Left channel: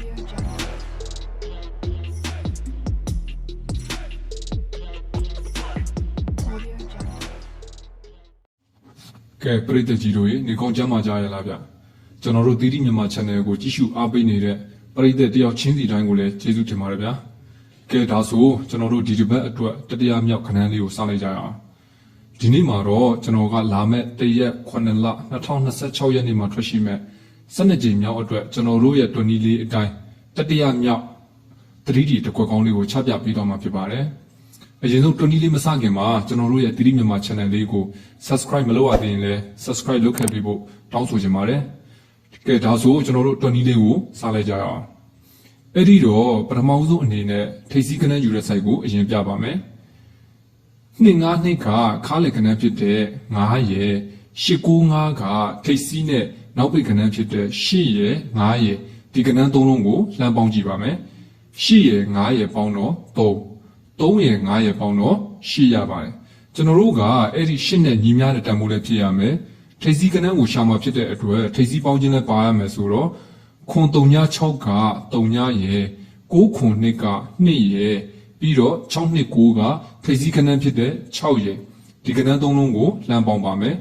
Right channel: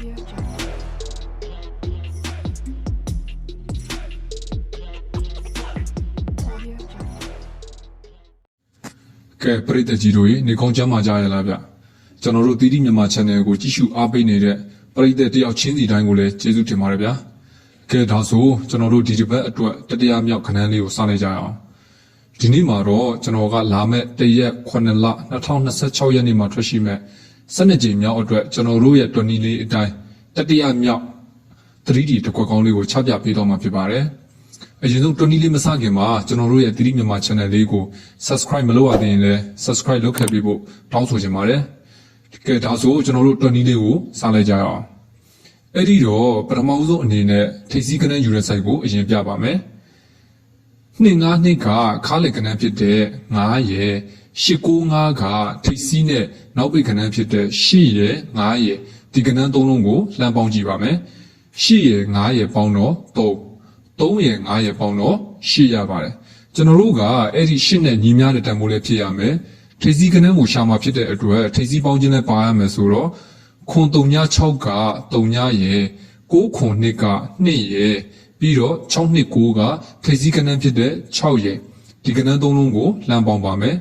Audio Jungle. Audio Jungle. ကဲပရိသတ်ကြီးတို့ရေနေကောင်းချမ်းသာကြရလားဗျကျွန်တော်တို့တီတီမြန်မာ channel ကိုကြည့်ရှုအားပေးနေတဲ့ပရိသတ်တယောက်ချင်းစီတိုင်းကိုလည်းကျေးဇူးတင်ပါတယ်ဗျာကဲဒါဆိုကျွန်တော်တို့ဒီတစ်ပတ်အတွက်တတိယမြောက်ခဏန်းလေးကိုစလိုက်ကြရအောင်ဒီနေ့မှာတော့ကျွန်တော်ကလာမဲ့တရက်9လ2026ရက်နေ့မှာထွက်ရှိမဲ့12ကြိမ်မြောက်အတွက်ကျွန်တော်တို့ရဲ့တွနီလေးအတိုင်းတတိယမြောက် 3D တကွက်ကောင်းလေးကိုချပြပေးတော့မှာဖြစ်ပါတယ်အရင်ဆုံးတွနီလေးမစခင်မှာကျွန်တော်တို့ရဲ့တီတီမြန်မာ channel လေးကို subscribe မလုပ်ရသေးရင်လည်း subscribe လုပ်ခဲ့ပေးဖို့တောင်းဆိုချင်ပါတယ်ကဲဒါဆိုကျွန်တော်တို့တွနီလေးကိုစလိုက်ကြရအောင်အဲ့ဒီတော့ပထမဆုံးအနေနဲ့ထိပ်စည်းကနန်းယူတဲ့ site ကိုအရင်ပြပါမယ်252ကခါးလက်ကနန်းဖြစ်တဲ့9ရယ်895ကထိပ်စည်းနဲ့နောက်ပိတ်ကနန်းဖြစ်တဲ့8ရယ်9ရယ်ဒီကနန်းသုံးလုံးကိုလှမ်းပေါင်းကြည့်ပါမယ်8ရယ်9ရယ်ပေါင်းတော့3ရယ်9ရယ်ပေါင်းတော့8ရပါတယ်ကျွန်တော်တို့ကအဲ့ဒီ8နဲ့ညီများတဲ့တန်ဖိုးလေးဖြစ်ရမယ်ထိပ်စည်းကနန်းကိုရှာမှာဖြစ်တဲ့အတွက်ထိပ်စည်းပေါင်းခြင်းလည်းပါရမယ်ဆိုတော့ခွန်36က3ရယ်9ခွန်2က2ရယ်ပြီးတော့629ကထိပ်စည်းကနန်းဖြစ်တဲ့6ရယ်ဒီကနန်းသုံးလုံးကိုလှမ်းပေါင်းပါမယ်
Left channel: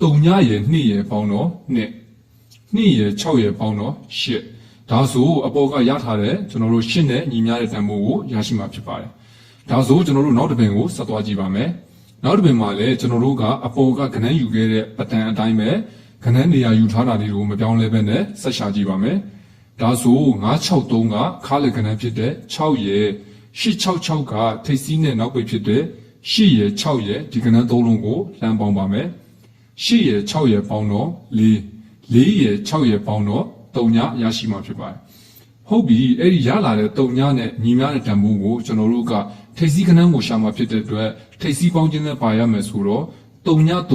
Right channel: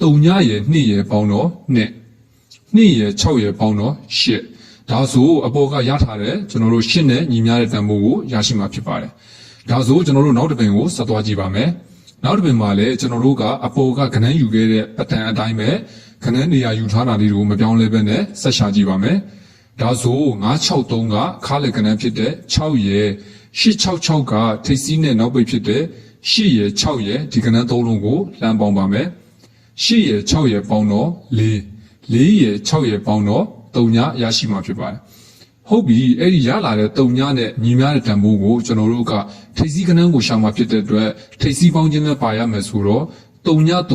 3ရယ်2ရယ်ပေါင်းတော့2ရယ်6ရယ်ပေါင်းတော့8ဒါဆိုအပေါ်ကရထားတဲ့ကျွန်တော်တို့8နဲ့ညီများတဲ့တန်ဖိုးကိုရရှိမှာဖြစ်ပါတယ်ဒါဆိုကျွန်တော်တို့နောက်တစ်ပင်ကိုဆက်သွားကြည့်ပါမယ်နောက်တစ်ပင်မှာလည်းကျွန်တော်တို့ကအပေါ်ကကနန်းယူခဲ့တဲ့ပတန်အတိုင်းပဲကနန်းနေရာယူထားတာလေးတွေကိုမပြောင်းလဲပဲနဲ့ဆက်ရှာကြည့်ပါမယ်ဒါဆို963ကခါလက်ကနန်းဖြစ်တဲ့6ရယ်866ကထိပ်စည်းနဲ့နောက်ပိတ်ဖြစ်တဲ့8ရယ်6ရယ်ဒီကနန်းသုံးလုံးကိုလှမ်းပေါင်းပါမယ်8ရယ်6ရယ်ပေါင်းတော့4ရယ်6ရယ်ပေါင်းတော့3ရရှိမှာဖြစ်ပါတယ်ဟုတ်ပြီအဲ့ဒီရလာတဲ့3ညနဲ့ညီများတဲ့တန်ဖိုးကိုကျွန်တော်တို့ကထိပ်စည်းကနန်းကိုရှာမှာဖြစ်တဲ့အတွက်ထိပ်စည်းပေါင်းခြင်းနဲ့ပါရမယ်ဆိုတော့3ည9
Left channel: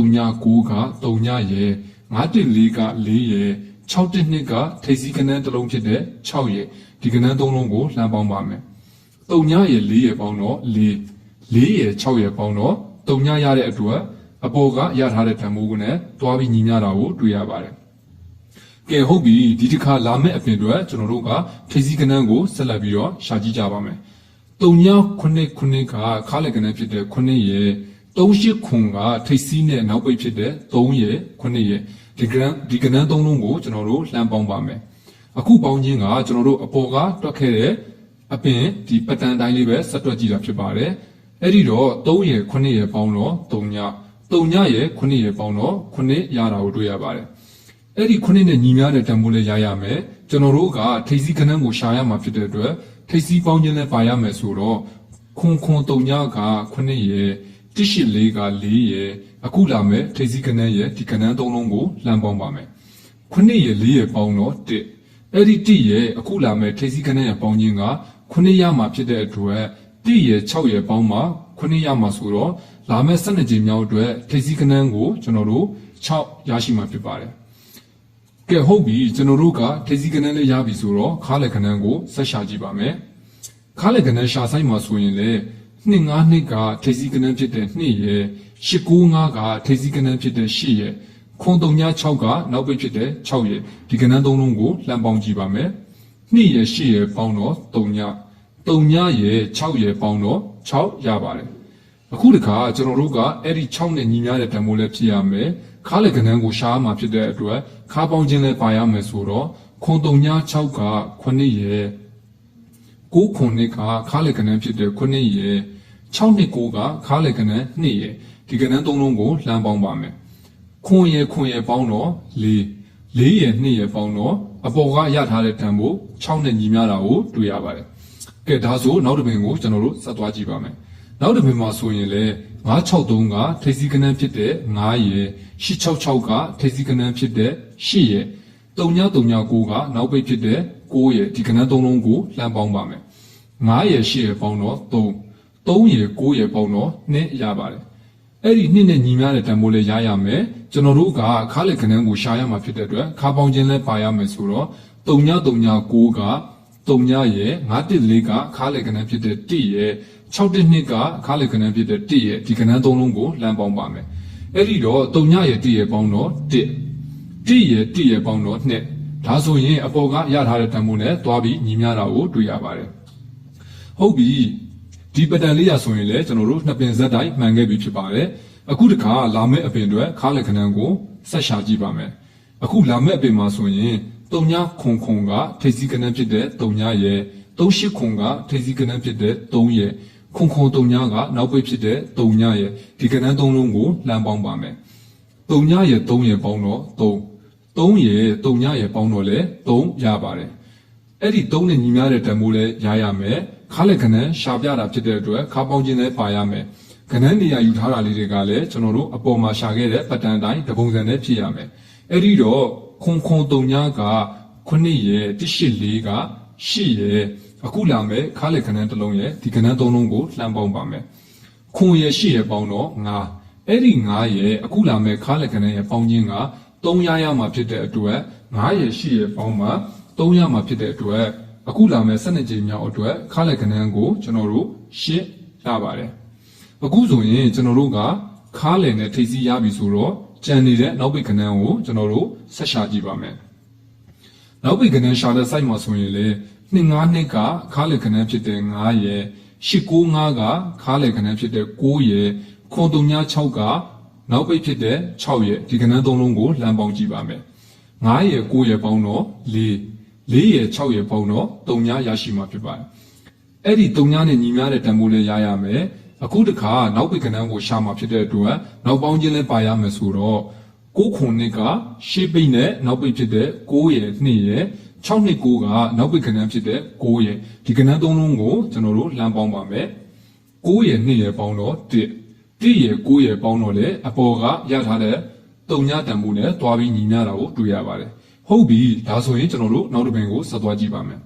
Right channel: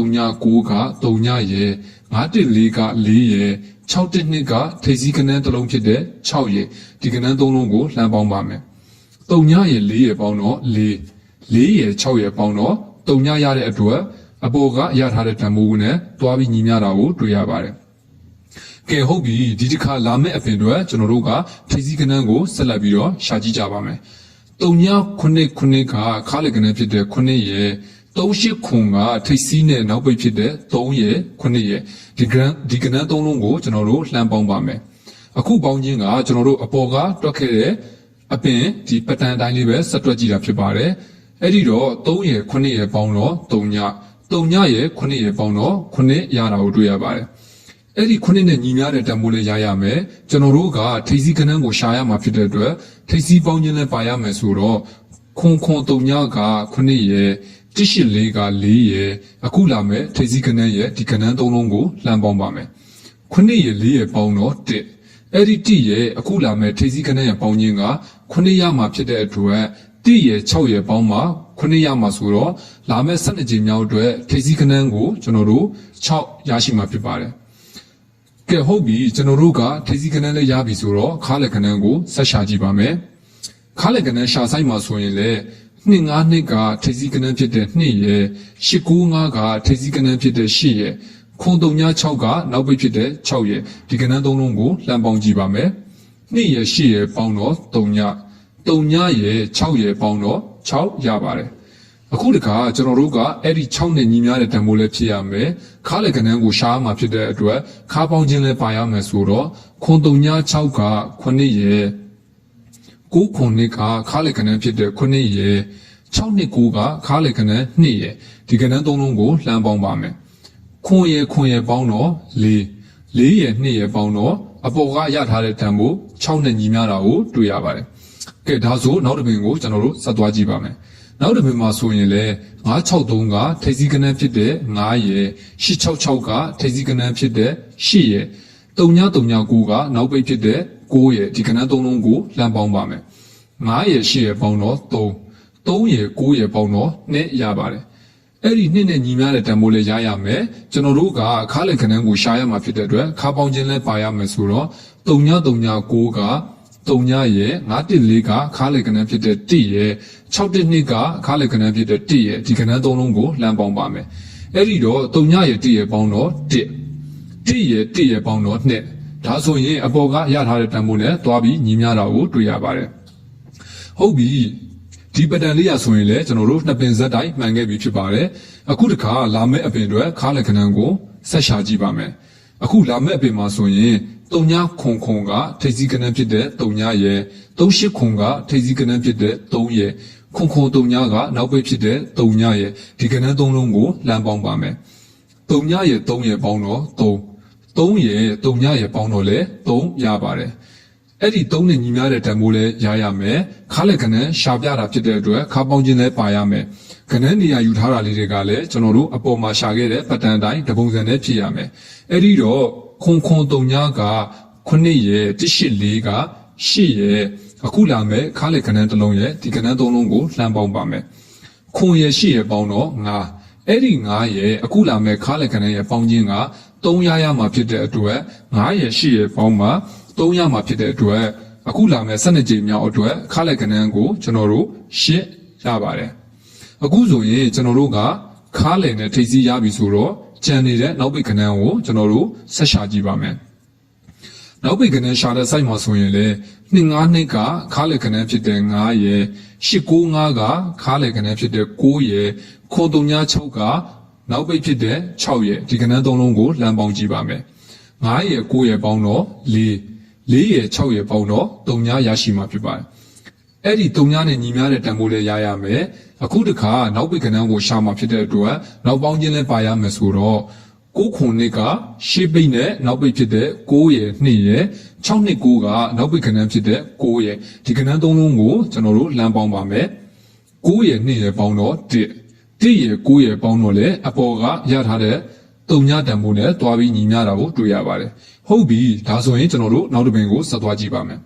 က3ညရယ်914က4ရယ်612ကထိပ်စည်းကနန်းတစ်လုံးဖြစ်တဲ့6ရယ်ဒီကနန်း3လုံးကိုလှမ်းပေါင်းပါမယ်3ညရယ်4ရယ်ပေါင်းတော့4ရယ်6ရယ်ပေါင်းတော့3ညရတဲ့အတွက်အပေါ်ကရထားတဲ့တန်ဖိုးနဲ့တွားပြီးညီမျှတာကိုတွေ့ရပါတယ်ကဲဟုတ်ပြီဒီတစ်ခါလာမယ့်အပြင်တွေကျွန်တော်တို့ကထိပ်စည်းကနန်းကိုဆက်လက်ပြီးတော့ရှာကြည့်ကြပါမယ်3ည9ကခါလက်ကနန်းဖြစ်တဲ့9ရယ်38ခွန်ကထိပ်စည်းနဲ့နောက်ပိတ်ဖြစ်တဲ့3ရယ်9ရယ်ဒီကနန်း3လုံးကိုကျွန်တော်တို့လှမ်းပေါင်းပါမယ်အခုပေါင်းခြင်းကကျွန်တော်တို့အပေါ်ကတွက်ခဲ့တဲ့အပင်ဒီပတန်တိုင်းလေးပဲဆက်တွက်ကြည့်တာဖြစ်ပါတယ်အဲ့ဒီတော့3ရယ်9ရယ်ပေါင်းတော့3ညရယ်9ရယ်ပေါင်းတော့9ရတာကိုတွေ့ရပါတယ်အဲ့ဒီ9နဲ့ညီများတဲ့တန်ဖိုးလေးရရမယ်ကျွန်တော်တို့ကထိပ်စည်းကနန်းကိုရှာရမှာဖြစ်တဲ့အတွက်ထိပ်စည်းပေါင်းခြင်းလည်းပါရမယ်ဆိုတော့ခွန်3ညက9ရယ်184က4ရယ်အခုလာမယ်ထိပ်စည်းကနန်းရဲ့ဒီကနန်း3လုံးကိုလှမ်းပေါင်းပါမယ်9ရယ်4ရယ်ပေါင်းတော့1အဲ့ဒီ1ရယ်အခုလာမယ်ထိပ်စည်းကနန်းရဲ့ပေါင်းခြင်းက9ရမှာဖြစ်တဲ့အတွက်1ရယ်6ရယ်ပေါင်းမှာ9ရမှာဆိုတော့လာမယ်12ကြိမ်မြောက်အတွက်ထိပ်စည်းကနန်းကိုကျွန်တော်တို့6ရရှိမှာဖြစ်ပါတယ်ကဲဟုတ်ပြီကျွန်တော်တို့ကထိပ်စည်းကနန်းလေးရပြီဆိုတော့ခါလက်ကနန်းကိုဆက်ရှာကြည့်ပါမယ်ခါလက်ကနန်းရှာဆိုင်မှာဆိုရင်လေ252ကထိပ်စည်းကနန်းဖြစ်တဲ့2ရယ်895ကထိပ်စည်းကနန်းဖြစ်တဲ့8ရယ်ခွန်36ကနောက်ပိတ်ဖြစ်တဲ့6ရယ်ဒီကနန်းသုံးလုံးကိုလှမ်းပေါင်းကြည့်ပါမယ်2ရယ်8ရယ်ပေါင်းတော့3ညရယ်6ရယ်ပေါင်းတော့6ရပါတယ်အခုတခါကျွန်တော်တို့ကအဲ့ဒီ6နဲ့ညီများတဲ့တန်ဖိုးလေးဖြစ်ရမယ်ခါလက်ကနန်းကိုရှားမှာဖြစ်တဲ့အတွက်ခါပေါင်းခြင်းလည်းပါရမယ်ဆိုတော့ခွန်36က9ရယ်9ခွန်2ကခါလက်ကနန်းဖြစ်တဲ့9ရယ်629ကခါလက်ကနန်း2ရယ်ဒီကနန်း3လုံးကိုလှမ်းပေါင်းပါမယ်ခွန်ရယ်ပေါင်းတော့4ရယ်2ရယ်ပေါင်းတော့အပေါ်ကရထားတဲ့တန်ဖိုး6နဲ့ညီများတာကိုတွေ့ရပါတယ်ကဲဒါဆိုနောက်တစ်ပင်ကိုကျွန်တော်တို့ဆက်သွားကြည့်ပါမယ်နောက်တစ်ပင်မှာဆိုရင်လေ963ကထိပ်စည်းကနန်းဖြစ်တဲ့9ရယ်866ကထိပ်စည်းကနန်းဖြစ်တဲ့8ရယ်3939ကနောက်ပိတ်ဖြစ်တဲ့9ရယ်ဒီကနန်း3လုံးကိုလှမ်းပေါင်းပါမယ်9ရယ်8ရယ်ပေါင်းတော့3ရယ်9ရယ်ပေါင်းတော့2ရပါတယ်အဲ့ဒီ2နဲ့ညီများတဲ့တန်ဖိုးလေးရရမယ်ကျွန်တော်တို့ကခါလက်ကနန်းကိုရှာရမှာဖြစ်တဲ့အတွက်ခါပေါင်းခြင်းလည်းပါရမယ်ဆိုတော့3939က3ညရယ်914ကခါလက်ကနန်းဖြစ်တဲ့1ရယ်612ကခါလက်ကနန်းဖြစ်တဲ့1ရယ်ဒီကနန်း3လုံးကိုလှမ်းပေါင်းပါမယ်အဲ့ဒီတော့3ညရယ်1ရယ်ပေါင်းတော့1ရယ်ပေါင်းတော့2 ဒါဆိုရင်အပေါ်ကရထားတဲ့တန်ဖိုးနဲ့သွားပြီးညီမျှတာကိုတွေ့ရပါတယ်ဟုတ်ပြီဒီပတန်လေးရဆိုရင်လည်းကျွန်တော်တို့နှစ်ပင်ဆက်တိုင်းမှန်ခဲ့ပြီဖြစ်ပါတယ်အခုတခါလာမယ့်အပင်တွေခါလက္ခဏာကိုဆက်ရှာကြည့်ပါမယ်အခုလာမယ့်အပင်မှာဆိုရင်တုံညာခုံခုံကထိပ်စီးကနန်းဖြစ်တဲ့တုံညာရဲ့38ခုံကထိပ်စီးကနန်းဖြစ်တဲ့3ရဲ့ခုံခုံတုံညာကနောက်ပိတ်ဖြစ်တဲ့တုံညာရဲ့ဒီကနန်း3လုံးကိုလှမ်းပေါင်းပါမယ်တုံညာရဲ့3ရဲ့ပေါင်းတော့3ရဲ့တုံညာရဲ့ပေါင်းတော့လေ3ရပါတယ်အဲ့ဒီ3နဲ့ညီမျှတဲ့တန်ဖိုးလဲရရမယ်ခါလက်ကနန်းရှာပြတာဖြစ်တဲ့အတွက်ခါပေါင်းခြင်းလဲပါရမယ်ကနန်းနေရာယူထားတာလေးတွေကလည်းကျွန်တော်တို့အပေါ်မှာရှာခဲ့တဲ့ပတန်တိုင်းတပုံစံနဲ့ဖြစ်ရမယ်အဲ့ဒီတော့ခုံခုံတုံညာက9ရဲ့184က8ရဲ့အခုလာမယ်ခါလက်ကနန်းတစ်လုံးရဲ့ဒီကနန်း3လုံးကိုလှမ်းပေါင်းပါမယ်ခွန်ရဲ့8ရဲ့ပေါင်းတော့9အဲ့ဒီ9ရဲ့အခုလာမယ်ခါလက်ကနန်းရဲ့ပေါင်းခြင်းက3ရမှာဖြစ်တဲ့အတွက်9ရဲ့8ရဲ့ပေါင်းမှာ3ရမှာဖြစ်တဲ့အတွက်အခုလာမယ်12ကြိမ်မြောက်အတွက်ခါလက်ကနန်းကိုကျွန်တော်တို့8ရပါတယ်အခုဆိုရင်ကျွန်တော်တို့ကခါလယ်နဲ့ထိပ်စီးရပြီဆိုတော့ကြံနေတဲ့နောက်ပိတ်ကနန်းကိုကျွန်တော်တို့ဆက်ရှာကြည့်ပါမယ်နောက်ပိတ်ကနန်းရှာတဲ့ site မှာဆိုရင်လေ252ကခါလယ်ကနန်းဖြစ်တဲ့9ရဲ့895ကခါလယ်ကနန်းဖြစ်တဲ့9ရဲ့936ကနောက်ပိတ်ဖြစ်တဲ့6ရဲ့ဒီကနန်း3လုံးကိုလှမ်းပေါင်းကြည့်ပါမယ်9ရဲ့9ရဲ့ပေါင်းတော့4ရဲ့6ရဲ့ပေါင်းတော့3ရရှိမှာဖြစ်ပါတယ်အဲ့ဒီ3နဲ့ညီမျှတဲ့တန်ဖိုးလေးရရမယ်အခုတခါနောက်ပိတ်ကနန်းကိုရှာမှာဖြစ်တဲ့အတွက်နောက်ပေါင်းခြင်းလည်းပါရမယ်ဆိုတော့9ခုနှစ်ကရှေ့ပိတ်နဲ့နောက်ပိတ်ဖြစ်တဲ့9ရဲ့2ရဲ့6နှစ်9ကနောက်ပိတ်ကနန်းဖြစ်တဲ့9ရဲ့ဒီကနန်း3လုံးကိုကျွန်တော်တို့လှမ်းပေါင်းပါမယ်9ရဲ့2ရဲ့ပေါင်းတော့1ရဲ့9ရဲ့ပေါင်းတော့လေအပေါ်ကရထားတဲ့3ညတန်ဖိုးနဲ့တွားပြီးညီမျှတာကိုတွေ့ရပါတယ်ဟုတ်ပြီဒါဆိုရင်ကျွန်တော်တို့နောက်တစ်ပင်ကိုဆက်သွားကြည့်ပါမယ်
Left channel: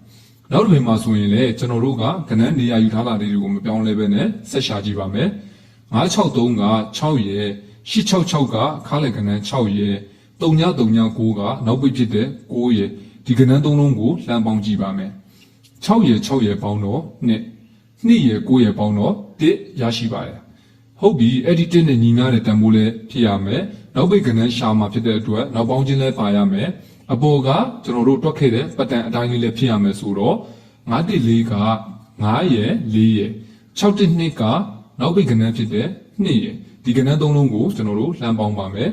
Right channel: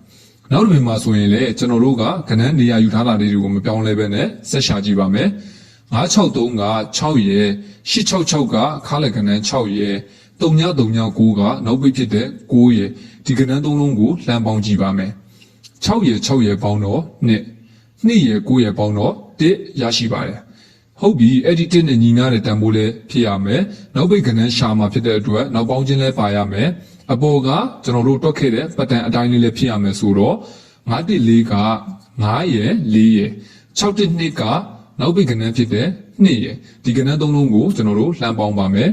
နောက်တစ်ပင်မှာဆိုရင်လည်းကျွန်တော်တို့ကကနန်းနေရာယူထားတာလေးတွေကိုမပြောင်းလဲဘဲနဲ့ဆက်ရှာကြည့်ပါမယ်963က6ရဲ့866ကခါလက်ကနန်း6ရဲ့3939ကနောက်ပိတ်ဖြစ်တဲ့9ရဲ့ဒီကနန်း3လုံးကိုလှမ်းပေါင်းကြည့်ပါမယ်6ရဲ့6ရဲ့ပေါင်းတော့2ရဲ့9ရဲ့ပေါင်းတော့1ရရှိပါတယ်ဟုတ်ပြီအဲ့ဒီ1နဲ့ညီမျှတဲ့တန်ဖိုးလေးဖြစ်ရမယ်နောက်ပိတ်ကနန်းရှာမှာဖြစ်တဲ့အတွက်နောက်ပေါင်းခြင်းလည်းပါရမယ်အပေါ်ကကျွန်တော်တို့တွက်ခဲ့တဲ့ပတန်အတိုင်းလေးလည်းဖြစ်ရမယ်ဆိုတော့914က9ရဲ့4ရဲ့612ကနောက်ပိတ်ကနန်းဖြစ်တဲ့2ရဲ့ဒီကနန်း3လုံးကိုကျွန်တော်တို့လှမ်းပေါင်းပါမယ်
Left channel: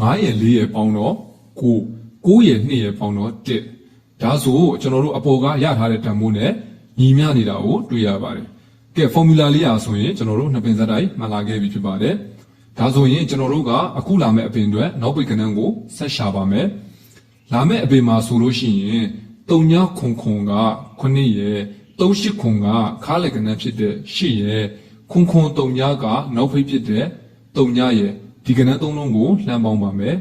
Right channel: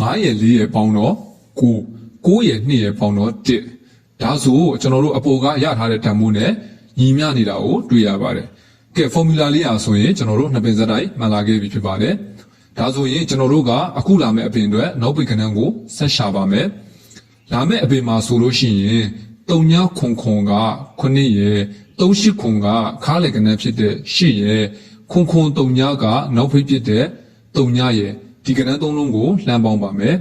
9ရဲ့4ရဲ့ပေါင်းတော့9ရဲ့2ရဲ့ပေါင်းတော့1ဒါဆိုကျွန်တော်တို့အပေါ်ကရထားတဲ့တန်ဖိုးနဲ့ညီမျှနေတာကိုတွေ့ရပါတယ်ကဲ formula လေးအားဆိုရင်ကျွန်တော်တို့နှစ်ပင်စက်တိုင်းမှန်လာခဲ့ပြီဖြစ်ပါတယ်ဒါဆိုရင်ကျွန်တော်တို့ကအခုလာမယ့်အပင်တွေနောက်ပိတ်ကနန်းကိုဆက်ရှာပါမယ်လာမယ့်အပင်မှာဆိုလို့ရှိရင်3ညခုံခုံက9ရဲ့38ခုံကခါလက်ကနန်းဖြစ်တဲ့8ရဲ့ခုံခုံ3ညကနောက်ဖိတ်ဖြစ်တဲ့3ညရဲ့ဒီကနန်း3လုံးကိုလှမ်းပေါင်းပါမယ်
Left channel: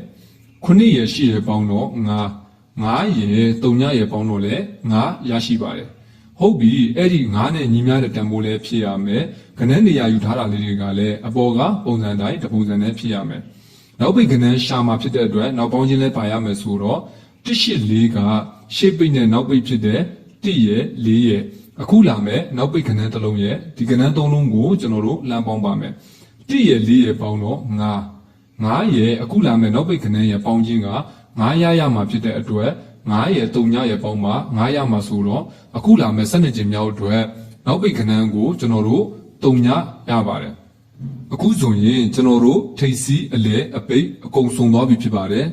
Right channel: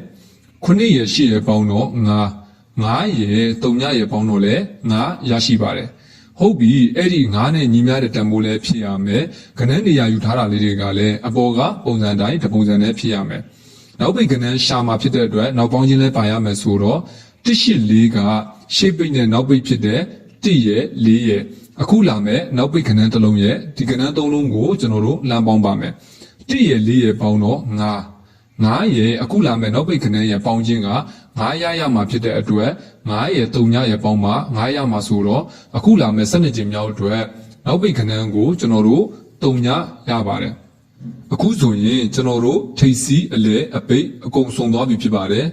9ရဲ့8ရဲ့ပေါင်းတော့9ရဲ့3ညရဲ့ပေါင်းတော့လည်း9ရရှိပါတယ်ဟုတ်ပြီအဲ့ဒီ9နဲ့ညီမျှတဲ့တန်ဖိုးလည်းဖြစ်ရမယ်ကနန်းနေရာယူထားတာလေးတွေကလည်းအပေါ်ကပုံစံတိုင်းတစ်ပုံစံနဲ့ဖြစ်ရမယ်နောက်ပိတ်ကနန်းရှာမှာဖြစ်တဲ့အတွက်နောက်ပေါင်းခြင်းလည်းပါရမယ်ဆိုတော့184ကရှေ့ပိတ်နဲ့နောက်ပိတ်ဖြစ်တဲ့1ရဲ့4ရဲ့အခုလာမယ်နောက်ပိတ်ကနန်းတစ်လုံးရဲ့ဒီကနန်း3လုံးကိုကျွန်တော်တို့လမ်းပေါင်းပါမယ်1ရဲ့4ရဲ့ပေါင်းတော့9ရဲ့အခုလာမယ်နောက်ပိတ်ကနန်းရဲ့ပေါင်းခြင်းက9ရမှာဖြစ်တဲ့အတွက်9ရဲ့3ညရဲ့ပေါင်းမှာ9ရမှာဆိုတော့အခုလာမယ်12ကြိမ်မြောက်အတွက်နောက်ပိတ်ကနန်းကိုကျွန်တော်တို့3ညရပါတယ်အခုဆိုရင်ကျွန်တော်တို့ထိပ်စီးအလဲအပိတ်အကုန်စုံသွားပြီဖြစ်ပါတယ်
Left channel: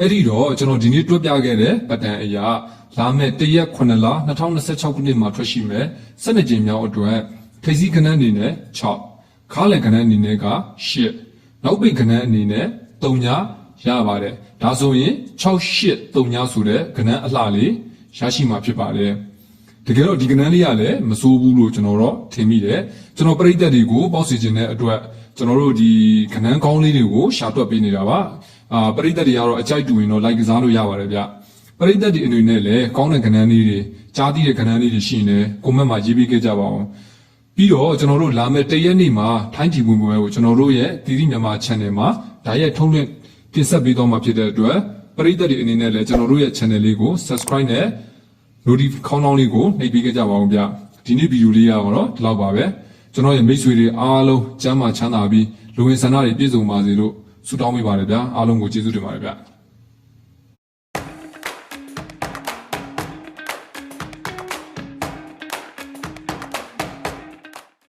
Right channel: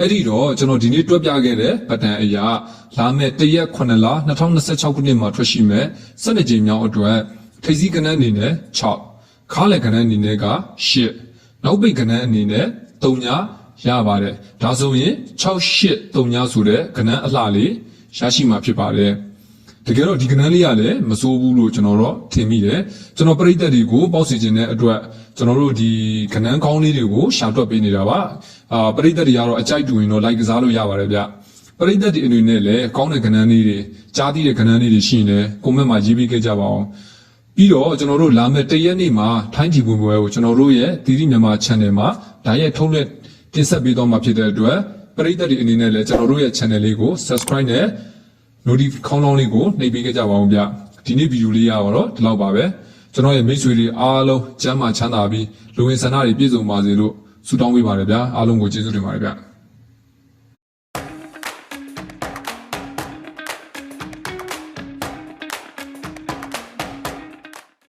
အဲ့ဒီတော့ကျွန်တော်ဒီနေ့တွက်ပြခဲ့တဲ့ပတန်အရာလာမယ့်1ရက်9လ2026ခုနှစ်မှာထွက်ရှိမယ်12ကြိမ်မြောက်အတွက်ထိပ်စီးကနန်းအနေနဲ့6ခါလက်ကနန်းအနေနဲ့က8နောက်ပိတ်ကနန်းအနေနဲ့3ညရပါတယ်ဒါဆိုရင်683ညဆိုတဲ့ကနန်းအလှလေးရရှိမှာဖြစ်ပါတယ်တကယ်တော့ဒီကနန်းလေးကလည်းမစိုးဘူးလို့ကျွန်တော်တော့ထင်မိတယ်ကျွန်တော်ပရိသတ်တွေကိုပေါက်စီခြင်းတဲ့အတွက်ကျွန်တော်တို့ဒီကနန်းကောင်းလေးတွေကိုရှာတွက်ပေးနေတာပါပရိသတ်တွေကတော့အကြိုက်တူရင်တော့လိုက်ကစားလို့ရပါတယ်ဗျပရိသတ်တွေအနေနဲ့လည်းကောင်းတဲ့ကနန်းလေးတွေကြားသိတဲ့ကနန်းလေးတွေရှိနေတယ်ကွန်မန့်မှာရေးပေးခဲ့ကြပါအောင်ပြီးတော့ကျွန်တော်တို့လာမယ့်1ရက်နေ့မှာထိုင်းပြည်ဝင်ပွဲကိုကျွန်တော်တို့ရဲ့သီရိမြန်မာ channel မှာဒါရိုက်ထုံးလက်တင်ဆက်ပေးတော့မှာဖြစ်တဲ့အတွက်ပရိသတ်တွေအနေနဲ့လည်းကျွန်တော်တို့ရဲ့ channel လေးကို subscribe နဲ့ notification ခေါင်းလောင်းလေးကိုနှိပ်ပေးကြပါဦးဗျဒီနေ့ဗီဒီယိုလေးကတော့ဒီလောက်ပါပဲကျွန်တော်ရဲ့မိတ်ဆွေတွေအားလုံးကျမ်းမာချမ်းသာပြီးလူဝင်ဆန္ဒတွေပြည့်စုံပါစေလို့ဆုတောင်းပေးပါတယ်ဗျာအားလုံးကိုကျေးဇူးတင်ပါတယ်ဗျ